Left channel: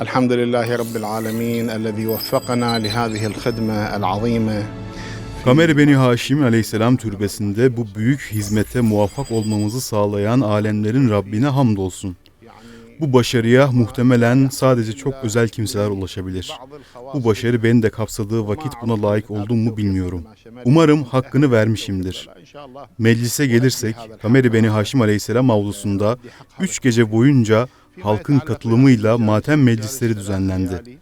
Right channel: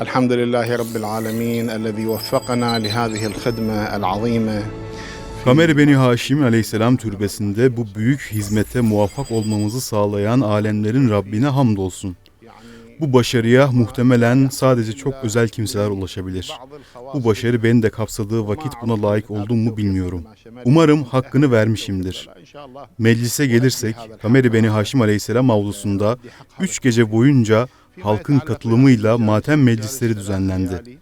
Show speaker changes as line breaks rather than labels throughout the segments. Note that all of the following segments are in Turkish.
الحمد لله رب العالمين الذي وفقنا لهذه الخدمة العظيمة
Kamer Beni Haşim aleyhisselam türbesinde bu büyük hizmete muvaffak olmamızı sağlayan alemlerin Rabbine hamdolsun. Bu başarıya muhtemelen sadece çok özel kimseler ulaşabilir. Bu başarı beni de kapsadığı vakit buna layık oldum mu bilmiyorum. Umarım hakkını vermişimdir. Meclise gelirsek, Kamer Beni Haşim aleyhisselam avlusunda üç gece boyunca halkın katılımıyla matem meclisleri düzenlendi.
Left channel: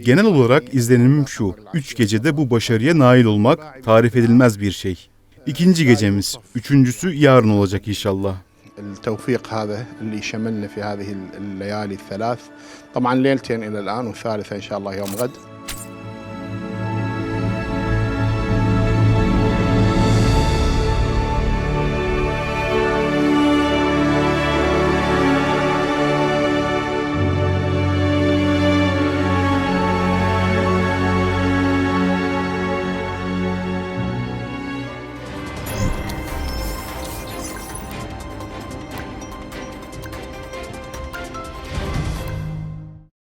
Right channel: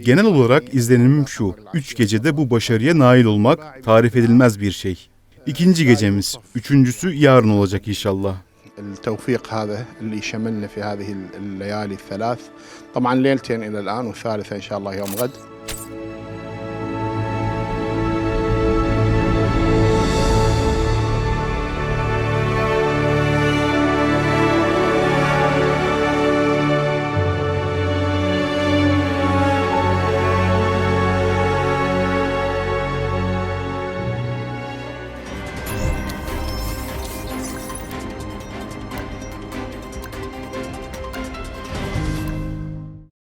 Genel olarak izlenimim şu, üç gecede bu başarıya nail olmak tarif edilmez bir şey. İkinci gecemiz, üçüncüsü yarın olacak inşallah.
التوفيق هذا اللي شملنا في هذه الليالي الثلاث طبعا ليلتين إلى الآن والثالثة إن شاء الله يوم غد